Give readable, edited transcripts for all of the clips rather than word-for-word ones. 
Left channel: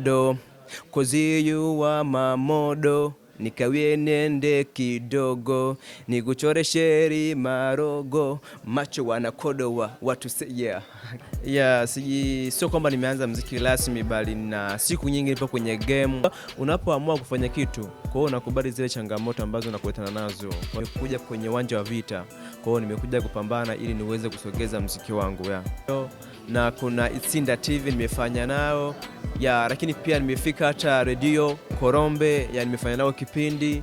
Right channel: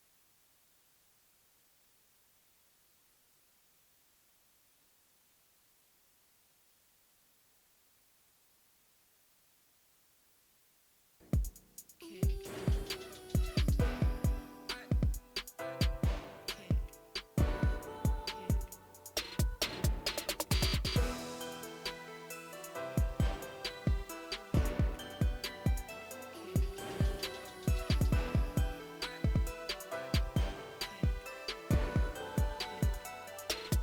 Do koziyu wa mamodo nikawie nende kidogo nikuchore sheri marogo macho wanakodo wa watu sio kwamba nimeanza muziki rasmi, bali na siku nyingi nipo kwenye game. Unapoamua kufanya kitu, kwa hiyo unakubali zile changamoto ambazo unakutana nazo. Nimekuja kwenye uwanja wa VITA, kwa hiyo nimekuja kupambana ili niweze kusogeza muziki wangu na kuna Itsinda TV nimefanya nao lakini pia nimefika hata radio Korombe, nimefanya nao kipindi.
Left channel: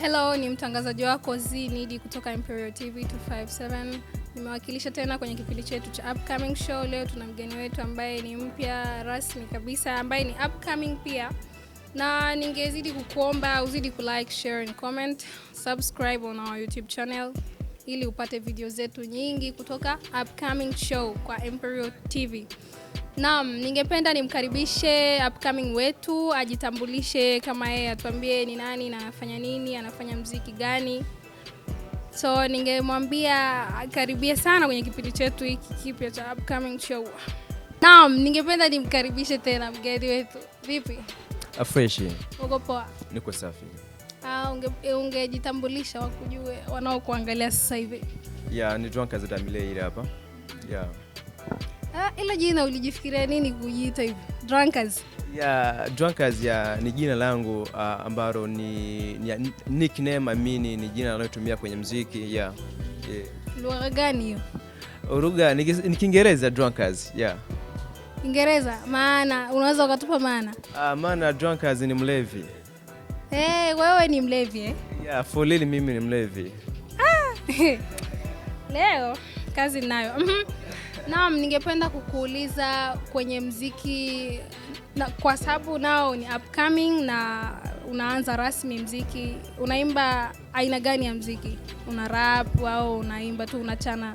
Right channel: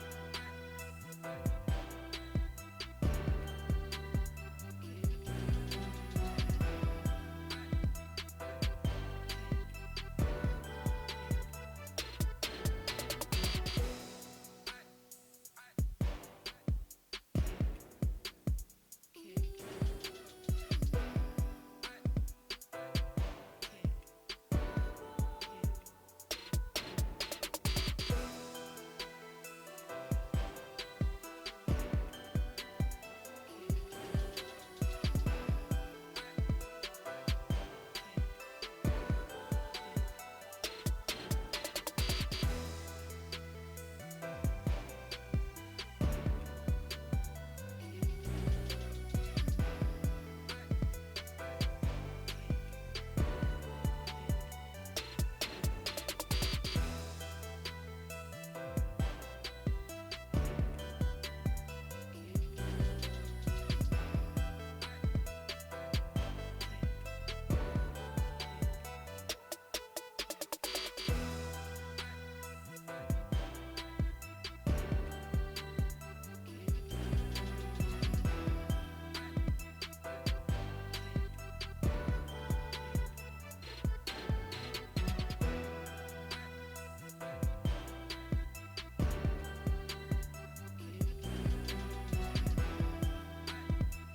Hello, ni mtangazaji wako Zinidi kutoka Imperial TV 257. Nimewakilisha tena kwenye kipindi chetu cha upcoming show. Leo tuna mgeni wetu ambaye ni mpya rasmi kabisa, ambaye ni upcoming pia. Na ningezidi kukuomba uzidi kulike, share and comment, subscribe on our YouTube channel ili upate video zetu nyingi kutoka upcoming show kwa Imperial TV. Naam, ningependa nimkaribishe upcoming wetu, ajitambulishe kama yeye, atuambie ni nani na anafanya nini, anafanya muziki gani. So ningemwambia karibia sana kwenye kipindi chetu hiki kipya cha upcoming show. Naam, ningependa nimkaribishe tena mgeni wetu. Vipi? Fresh. Uko poa? Niko safi. Ungejitambulisha wakujue wanaokuangalia sasa hivi. Ni Drunkers ile hapa. Ila jina ulijifikiria nini kujiita hivi? Drunkers. Drunkers ni jina langu ambalo ni nickname, amini ni jina nalotumia kwenye muziki. Lugha gani hiyo? Lugha ni Kiingereza, Drunkers. Kiingereza, maana unaweza ukatupa maana? Maana Drunkers ni mlevi. Wewe ni mlevi For real mimi ni mlevi. Leo kazi nayo. Naam, ningependa kukuuliza kwenye muziki kwa sababu nao ni upcoming na unaanza rasmi muziki. Unaimba aina gani ya muziki? Una rap au unaimba tu unachana?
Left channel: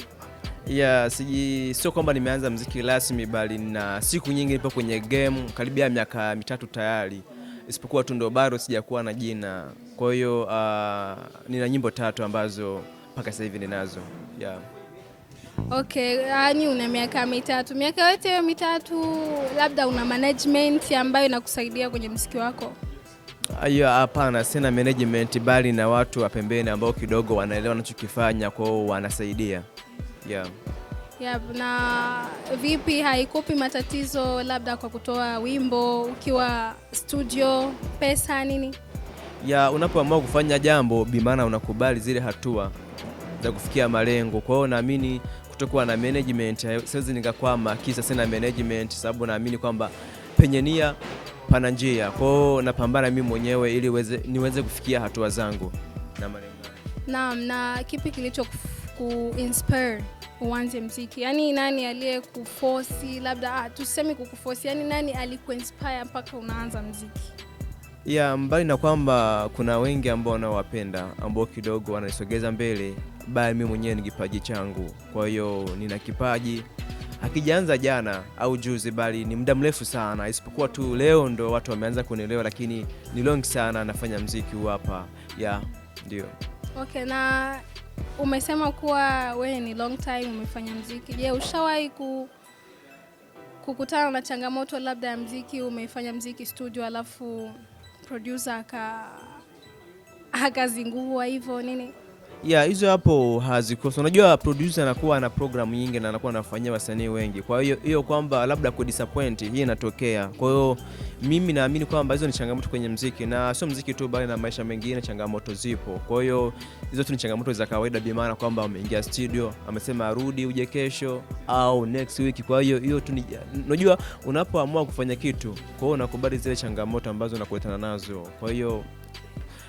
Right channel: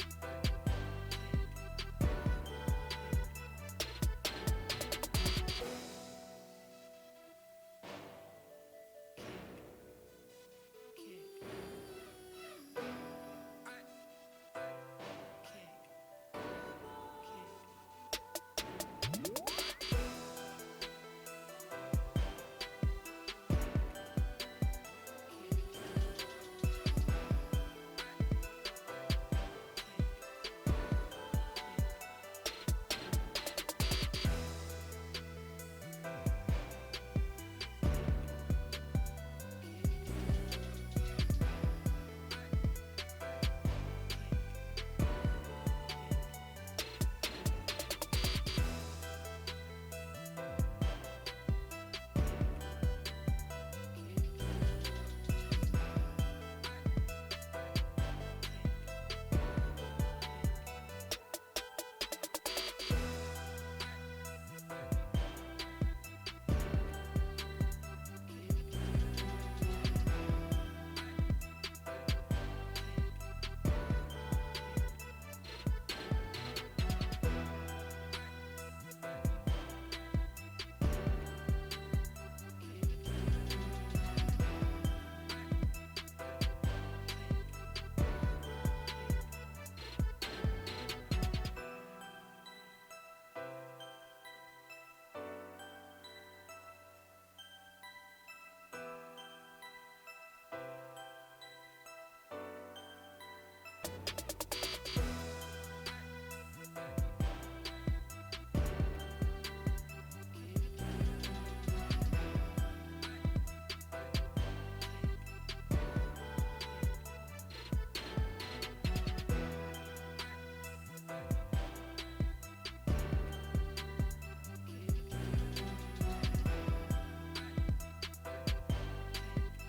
Sio kwamba nimeanza muziki rasmi, bali na siku nyingi nipo kwenye game, karibia miaka 3 tayari. Isipokuwa tu ndo bado sijakuwa na jina. Kwa hiyo nina nyimbo 3 ambazo mpaka sasa hivi ninazo. Okay, una miaka 3. Miaka yote 3 labda una management ambayo inakusaidia kwenye muziki wako? Hapana, sina management, bali na watu wa pembeni ambao kidogo wanaelewa ninachokifanya, kwa hiyo wanasaidia. Na vipi, haikupi matatizo labda kwa kutoa wimbo ukiwa studio, pesa nini? Unapoamua kufanya jambo, bimaana unakubali zile hatua za kufikia malengo. Kwa hiyo naamini kutokuwa na management, siwezi nikakwama kisa sina management, sababu naamini kwamba penye nia pana njia. Kwa hiyo napambana mimi mwenyewe ili niweze kufikia hatua zangu na malengo. Na kipi kilicho ku-inspire uanze muziki? Nani aliyekuforce, labda tuseme kukuforce, nani alikuinspire mpaka unaanza muziki? Mbali na kwamba kuna wengi ambao wanawapenda, ambao kidogo wanaisogeza mbele, bali mimi mwenyewe ni kipaji changu. Kwa hiyo nina kipaji, hakijaanza jana au juzi, bali ni muda mrefu sana. Isipokuwa tu leo ndo watu wameanza kunielewa, lakini ni long sana nafanya muziki huu hapa. Ndio. Okay, na umesema kuwa wewe ni long time umefanya muziki. Je, ushawahi kukutana na changamoto labda ya muziki? Umefanya muziki studio alafu producer akazingua hivyo nini? Hizo hapo hazikosi. Unajua producer anakuwa na program nyingi na anakuwa anafanyia wasanii wengi. Kwa hiyo kwamba labda disappoint hii inatokea. Kwa hiyo mimi naamini kwamba hizo ni changamoto kwenye muziki, na sio muziki tu, bali na maisha mengine changamoto zipo. Kwa hiyo hizo tu ni changamoto za kawaida, bi maana kwamba ameingia studio, amesema arudi uje kesho au next week. Kwa hiyo tu unajua unapoamua kufanya kitu, kwa hiyo unakubali zile changamoto ambazo unakutana nazo. Kwa hiyo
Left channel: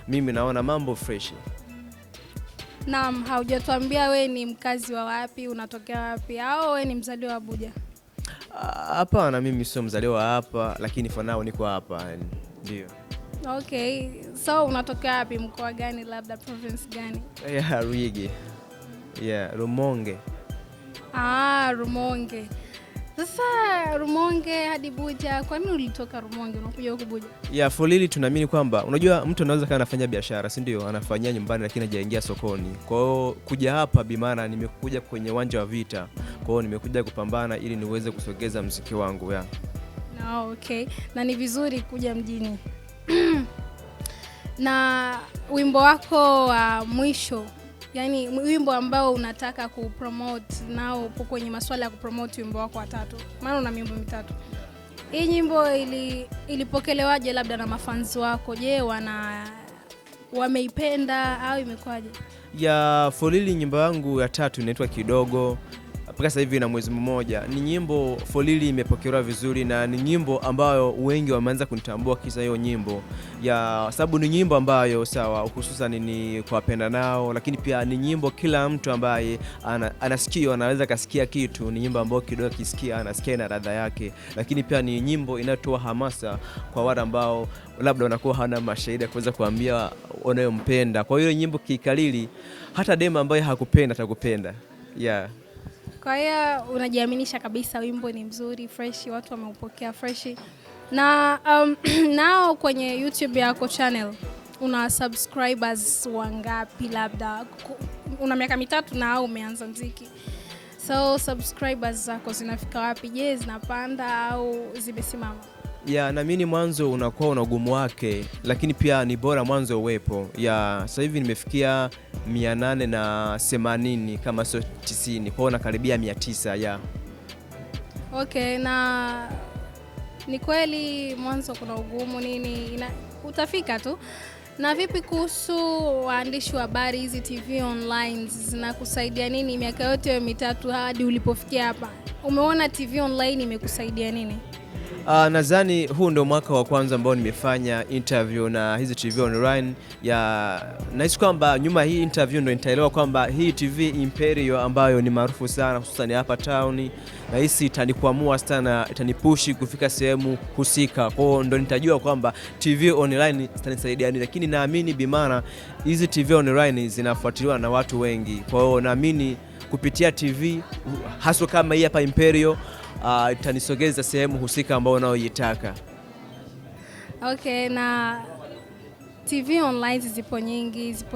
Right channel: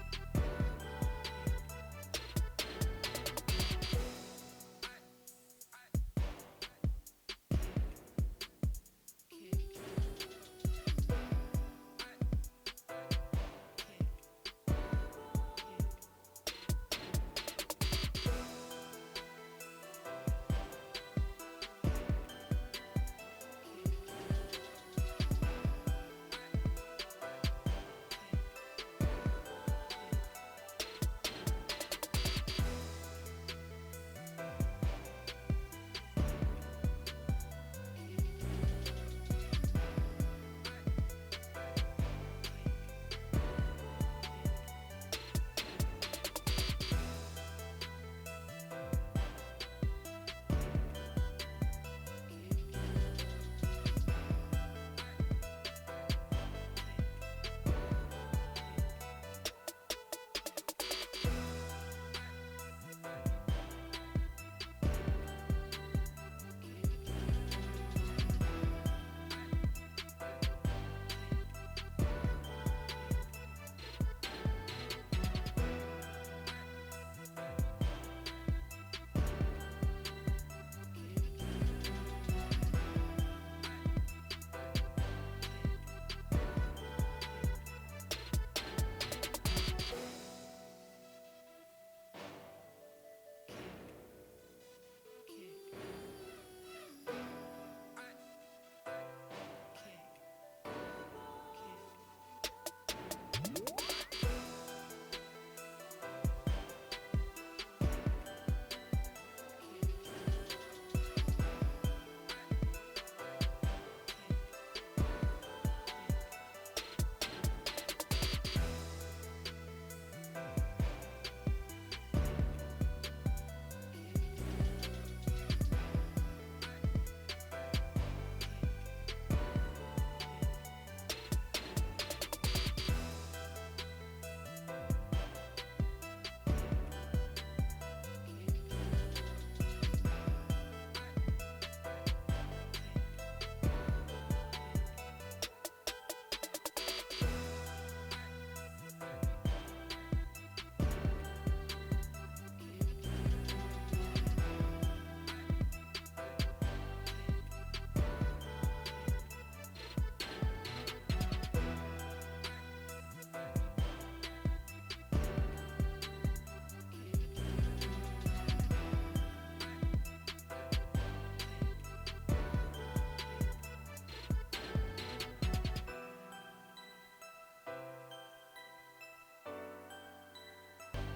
mimi naona mambo fresh. Naam, haujatuambia wewe ni mkazi wa wapi, unatokea wapi, au wewe ni mzaliwa wa BUJA? Hapana, mimi sio mzaliwa hapa, lakini for now niko hapa. Ndio. Okay, so unatokea wapi, mkoa gani, labda province gani? RUMONGE. RUMONGE. Sasa Rumonge hadi Buja, kwa nini ulitoka Rumonge unakuja huku Buja? Ya Folili tunaamini kwamba unajua mtu anaweza kana anafanya biashara, si ndio? Anafanyia nyumbani lakini hajaingia sokoni. Kwa hiyo kuja hapa bimana nimekuja kwenye uwanja wa VITA. Kwa hiyo nimekuja kupambana ili niweze kusogeza muziki wangu ya. Okay. Na ni vizuri kuja mjini. Na wimbo wako wa mwisho, yani wimbo ambao unataka kupromote nao upo kwenye masuala ya kupromote wimbo wako wa 3. Maana una wimbo 3. Hii nyimbo ilipokelewaje labda na mafans wako? Je, wameipenda au imekwaje? Ya Folili nyimbo yangu ya 3 inaitwa Kidogo. Mpaka sasa hivi na mwezi mmoja. Ni nyimbo Folili imepokelewa vizuri na ni nyimbo ambayo wengi wameanza kunitambua kisa hiyo nyimbo. Ya sababu ni nyimbo ambayo sawa hususan ni kwa wapenda nao, lakini pia ni nyimbo kila mtu ambaye anasikia anaweza kasikia kitu. Ni nyimbo ambayo kidogo kisikia anasikia na ladha yake, lakini pia ni nyimbo inayotoa hamasa kwa wale ambao labda wanakuwa hana mashahidi kuweza kuambia wanayompenda. Kwa hiyo nyimbo kikalili hata dema ambaye hakupenda atakupenda. Yeah. Kwa hiyo unajiaminisha kabisa wimbo ni mzuri, fresh, watu wameupokea fresh. Na nao kwenye YouTube yako channel una subscribers wangapi? Labda una miaka 3 na umeanza muziki. So subscribers zako zinafika wapi? Je, zinapanda au zimesimama? Ya naamini mwanzo unakuwa una ugumu wake, lakini pia ni bora mwanzo uwepo. Ya sasa hivi nimefikia 880 kama sio 90, kwa na karibia 900 ya. Okay, na ni kweli mwanzo kuna ugumu nini, utafika tu. Na vipi kuhusu waandishi wa habari, hizi TV online zinakusaidia nini miaka yote 3 hadi ulipofikia hapa? Umeona TV online imekusaidia nini? Nadhani huu ndio mwaka wa kwanza ambao nimefanya interview na hizi TV online. Ya nahisi kwamba nyuma hii interview ndio nitaelewa kwamba hii TV Imperial ambayo ni maarufu sana hususan hapa town, nahisi itanikwamua sana, itanipushi kufika sehemu husika. Kwa hiyo ndio nitajua kwamba TV online zitanisaidia nini, lakini naamini bimana hizi TV online zinafuatiliwa na watu wengi. Kwa hiyo naamini kupitia TV hasa kama hii hapa Imperial itanisogeza sehemu husika ambao unaoitaka. Okay, na TV online zipo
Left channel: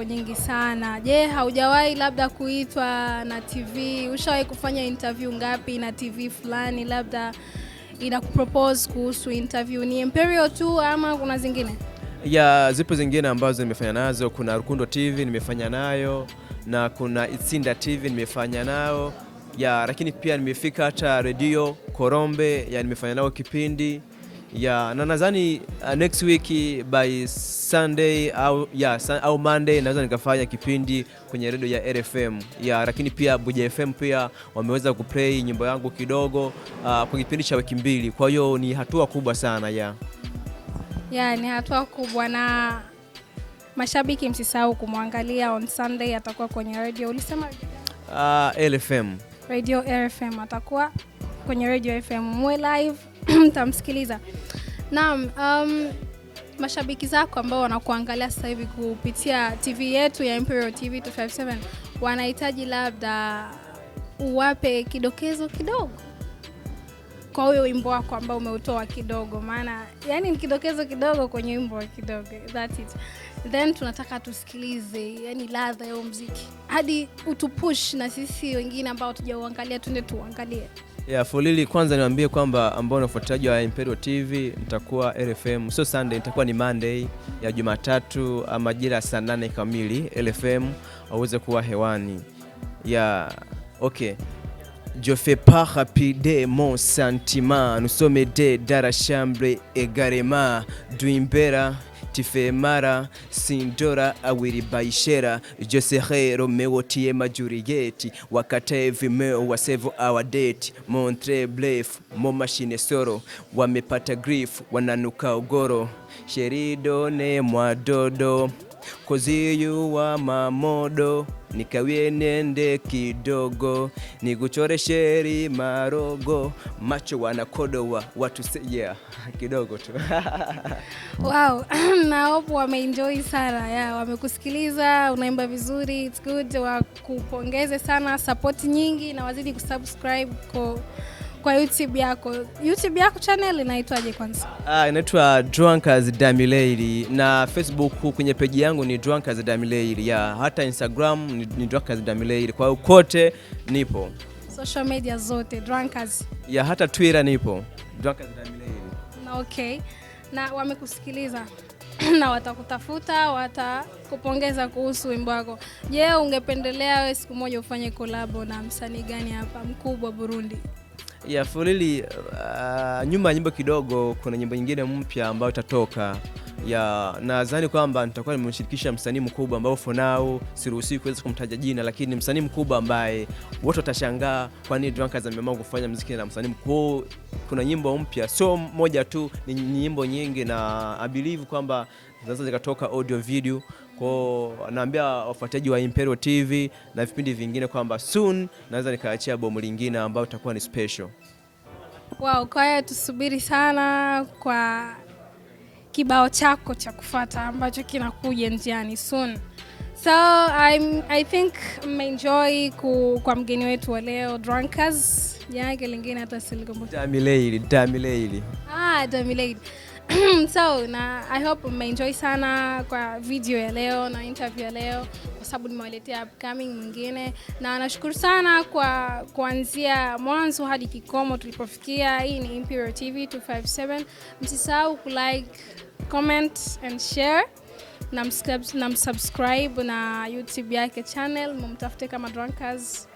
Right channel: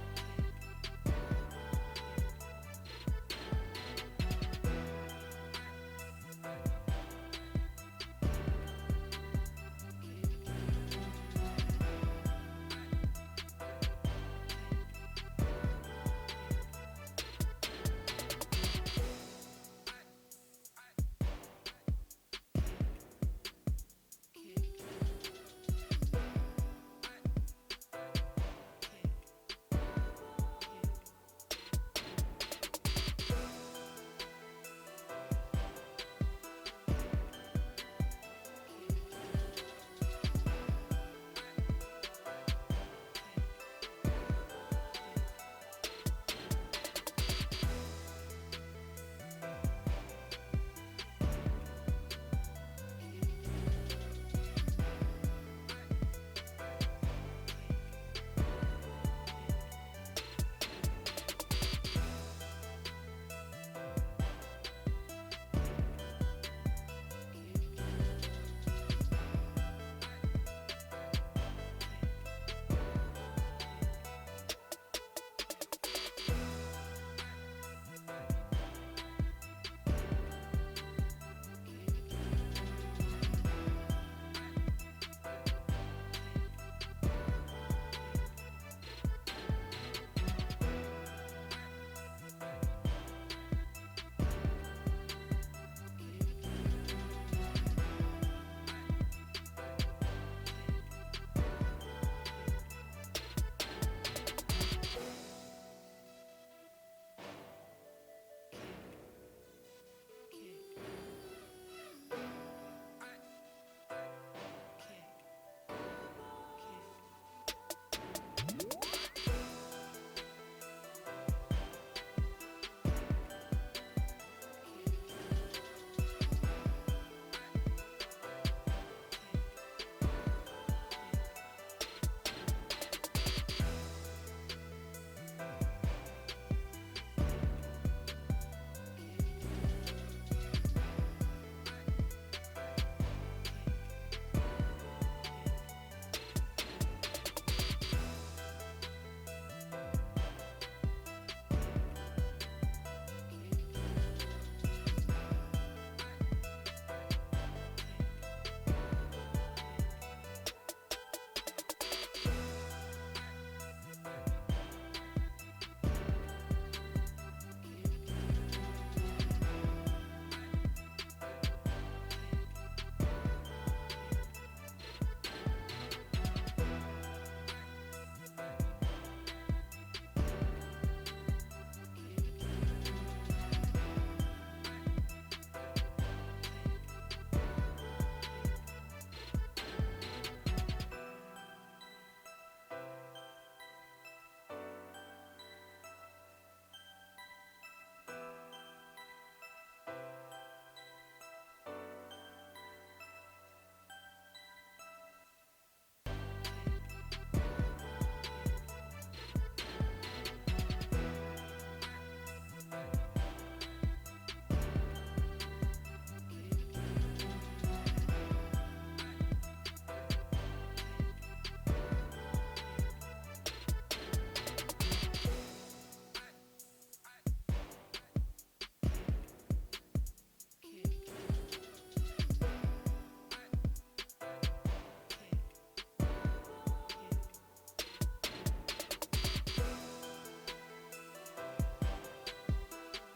nyingi sana. Je, haujawahi labda kuitwa na TV? Ushawahi kufanya interview ngapi na TV fulani labda inakupropose kuhusu interview? Ni Imperial tu ama kuna zingine? Ya zipo zingine ambazo nimefanya nazo. Kuna Rukundo TV nimefanya nayo, na kuna Itsinda TV nimefanya nao. Ya lakini pia nimefika hata Radio Korombe ya nimefanya nao kipindi. Ya na nadhani next week by Sunday au Monday naweza nikafanya kipindi kwenye radio ya RFM. Ya lakini pia BUJA FM pia wameweza kuplay nyimbo yangu kidogo kwa kipindi cha wiki 2. Kwa hiyo ni hatua kubwa sana ya. Ya ni hatua kubwa, na mashabiki msisahau kumwangalia on Sunday, atakuwa kwenye radio. Ulisema LFM. Radio RFM, atakuwa kwenye Radio FM mwe live mtamsikiliza. Naam, mashabiki zako ambao wanakuangalia sasa hivi kupitia TV yetu ya Imperial TV 257 wanahitaji labda uwape kidokezo kidogo kwa huyo wimbo wako ambao umeutoa kidogo, maana yani ni kidokezo kidogo kwenye wimbo kidogo, that's it. Then tunataka tusikilize yani ladha ya muziki hadi utupush na sisi wengine ambao tujauangalia twende tuangalie. Ya Folili, kwanza niwaambie kwamba ambao unafuataji wa Imperial TV nitakuwa RFM, so Sunday nitakuwa ni Monday ya Jumatatu majira saa 8 kamili LFM waweze kuwa hewani. Ya okay. Je fais pas rapide mon sentiment, nous sommes deux dans la chambre également, Duimbera Tifemara Sindora Awiri Baishera, je serai Romeo Tiema Juliet, wakate vimeo wasevu our date, montre blef, mo machine soro, wamepata grief, wananuka ugoro, sherido ne mwadodo, koziyu wa mamodo, nikawie nende kidogo, niguchore sheri marogo, macho wanakodoa watu yeah, kidogo tu. Wow, na hope wameenjoy sana. Yeah, wamekusikiliza, unaimba vizuri, it's good. Wakupongeze sana, support nyingi na wazidi kusubscribe kwa YouTube yako. YouTube yako channel inaitwaje kwanza? Inaitwa Drunkers Damileili, na Facebook kwenye page yangu ni Drunkers Damileili. Hata Instagram ni Drunkers Damileili. Kwa hiyo kote nipo. Social media zote Drunkers. Hata Twitter nipo Drunkers Damileili. Okay. Na wamekusikiliza na watakutafuta, watakupongeza kuhusu wimbo wako. Je, ungependelea wewe siku moja ufanye collab na msanii gani hapa mkubwa Burundi? Fulili nyuma nyimbo kidogo kuna nyimbo nyingine mpya ambayo itatoka. Nadhani kwamba nitakuwa nimemshirikisha msanii mkubwa ambao for now siruhusi kuweza kumtaja jina, lakini msanii mkubwa ambaye watu watashangaa kwa nini Drunkers ameamua kufanya muziki na msanii mkubwa. Kuna nyimbo mpya, sio moja tu, ni nyimbo nyingi, na I believe kwamba zinaweza zikatoka audio video. Kwa naambia wafuataji wa Imperial TV na vipindi vingine kwamba soon naweza nikaachia bomu lingine ambao itakuwa ni special. Wow, kwa hiyo tusubiri sana kwa kibao chako cha kufuata ambacho kinakuja njiani soon. So I think mmeenjoy kwa mgeni wetu wa leo Drunkers. Yake lingine hata silikumbuka. Damileili. Damileili. So na I hope mmeenjoy sana kwa video ya leo na interview ya leo, kwa sababu nimewaletea upcoming mwingine, na nashukuru sana kwa kuanzia mwanzo hadi kikomo tulipofikia. Hii ni Imperial TV 257. Msisahau kulike, comment and share na subscribe na YouTube yake channel, mumtafute kama Drunkers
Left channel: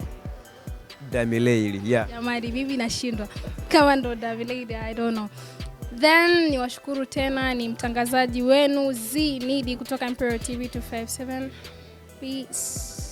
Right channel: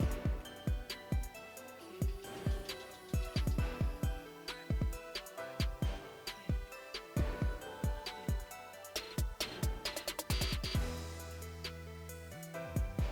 Damileili. Jamani, bibi nashindwa kama ndo Damileili, I don't know. Then niwashukuru tena, ni mtangazaji wenu Z Nidi kutoka Imperial TV 257. Peace.